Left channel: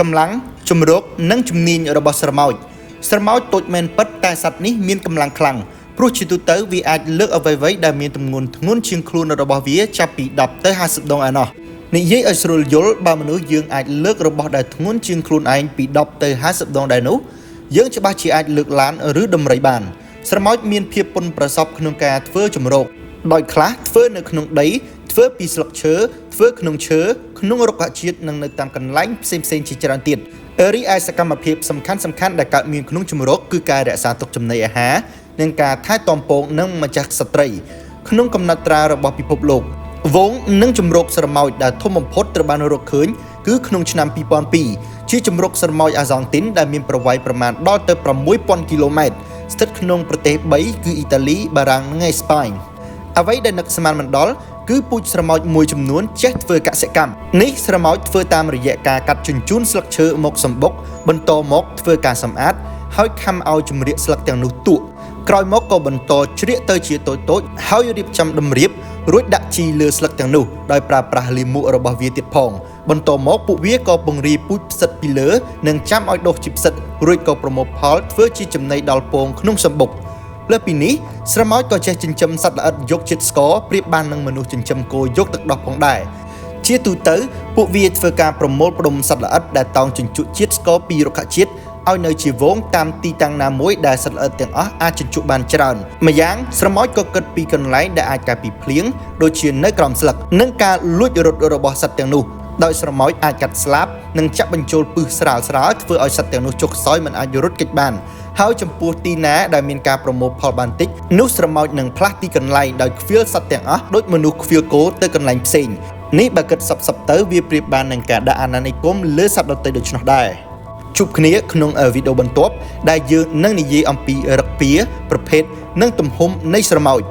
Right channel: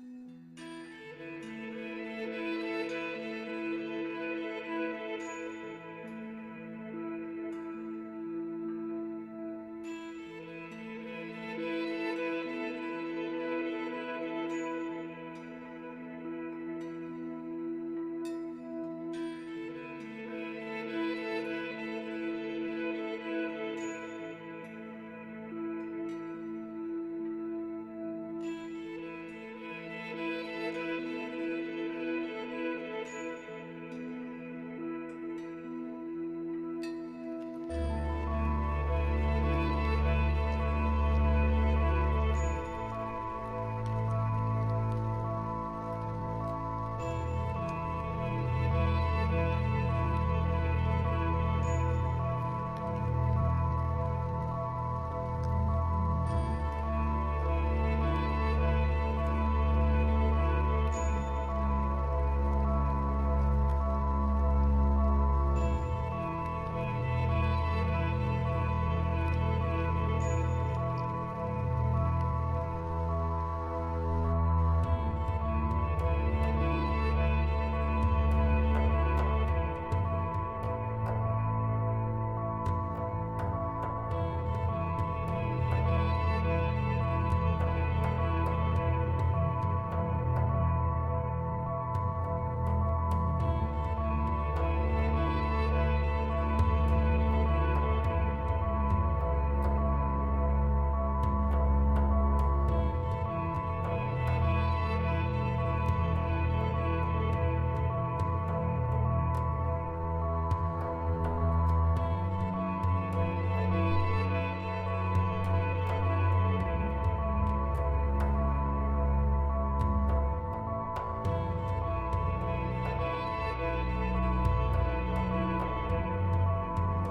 កម្លាំងជំរកនិងជំនាញរបស់ស្រមោចតូចមែនពិតតែសត្វនេះមានកម្លាំងខ្លាំងព្រោះជាទូទៅវាអាចលើកអ្វីៗដែលមានទម្ងន់ធ្ងន់ជាងខ្លួនរបស់វាចាប់ពី10ទៅ50ដងឯណោះនិយាយឲ្យស្រួលយល់បើមនុស្សយើងអាចលើករបស់ដែលធ្ងន់ជាងខ្លួនឯងពី10ទៅ50ដងដែរនោះយើងច្បាស់ជាអាចលើកឡានឬដំរីបានស្រមោចមានភាពពុនប្រសពក្នុងការធ្វើជំរកដោយខ្លះធ្វើនៅក្នុងដីធ្វើពីស្លឹកឈើធ្វើក្នុងឈើក្នុងរុក្ខជាតិនិងនៅតាមកន្លែងផ្សេងៗជាច្រើនទៀតរីឯសកម្មភាពសំខាន់ដែលកើតមានក្នុងជំរកគឺការរក្សាទុកចំណីអាហារនិងការថែទាំពងនិងម្ចាស់ស្ត្រីក្នុងកំណត់ត្រារបស់ពិភពលោកវងនិងជំរកស្រមោចដែលធំបំផុតត្រូវបានរកឃើញគឺក្នុងឆ្នាំ2002ជាជំរកស្រមោចអាសង់ទីនដែលមានប្រវែងប្រមាណដល់ទៅ 6000 គីឡូម៉ែត្រស្ថិតក្នុងប្រទេស3គឺអ៊ីតាលីបារាំងនិងអេស្ប៉ាញអ្វីដែលនឹកស្មានមិនដល់គឺពូជស្រមោចមួយចំនួនចេះធ្វើកសិកម្មនេះស្រមោចធ្វើតាមរយៈការកាត់ជញ្ជូនស្លឹកឈើមកសម្បុកបន្តមកធ្វើការសម្អាតហើយខំឲ្យជំរាកស្លឹកទាំងនោះទក់ក្រោយមកក៏បន្តជ្រៀកទៅជាតូចហើយរៀបចំតម្រៀបរួចដាក់ជីលើស្លឹកទាំងនោះដោយប្រើប្រាស់លាមករបស់វាទៀតផងបន្តមកពួកវាក៏បង្រៀបពូជផ្សិតពីលើនិងចាំឲ្យដុះជាផ្សិតរួចក៏ប្រមូលផលធ្វើជាចំណីដល់ពងក្នុងសម្បុកលើពីនេះស្រមោចក៏ចេះចិញ្ចឹមសត្វល្អិតយកជាតិស្ករប្រៀបបាននឹងមនុស្សចិញ្ចឹមគោយកទឹកដោះផងដែរជាទូទៅពួកវាធ្វើការប្រមូលផ្ដុំសត្វល្អិតដែលតោងជញ្ជក់ជាតិស្ករពីរុក្ខជាតិឲ្យនៅជាវងតាមទីតាំងណាមួយដែលសត្វល្អិតទាំងអស់អាចជញ្ជក់បានច្រើនម្យ៉ាងស្រមោចក៏គិតពីកន្លែងដែលអាចការពីភ្លៀងដូចជានៅក្រោមស្លឹកនិងការលួចរត់របស់សត្វទាំងនោះដោយស្រមោចអាចកាត់ស្លាបនិងចាក់បញ្ចូលពឹសស្រាលធ្វើឲ្យសត្វទាំងនោះចុះខ្សោយមិនអាចរត់គេចបានហើយចំពោះទីណាដែលមានការប្រមូលផលបានតិចនោះស្រមោចនឹងផ្លាស់ទីកន្លែងដោយខ្វៀលសត្វទាំងអស់ដូចមនុស្សខ្វៀលគោទៅកន្លែងផ្សេងនេះបើគិតសពទៅវាប្រៀបបាននឹងការដាក់អាណានិគមលើសត្វដទៃដូច្នោះដែរជួបគ្នាក្នុងវីដេអូបន្ទាប់ដែលយើងនឹងនិយាយអំពីរឹកពីប្រភេទនិងទំហំនៃស្រមោច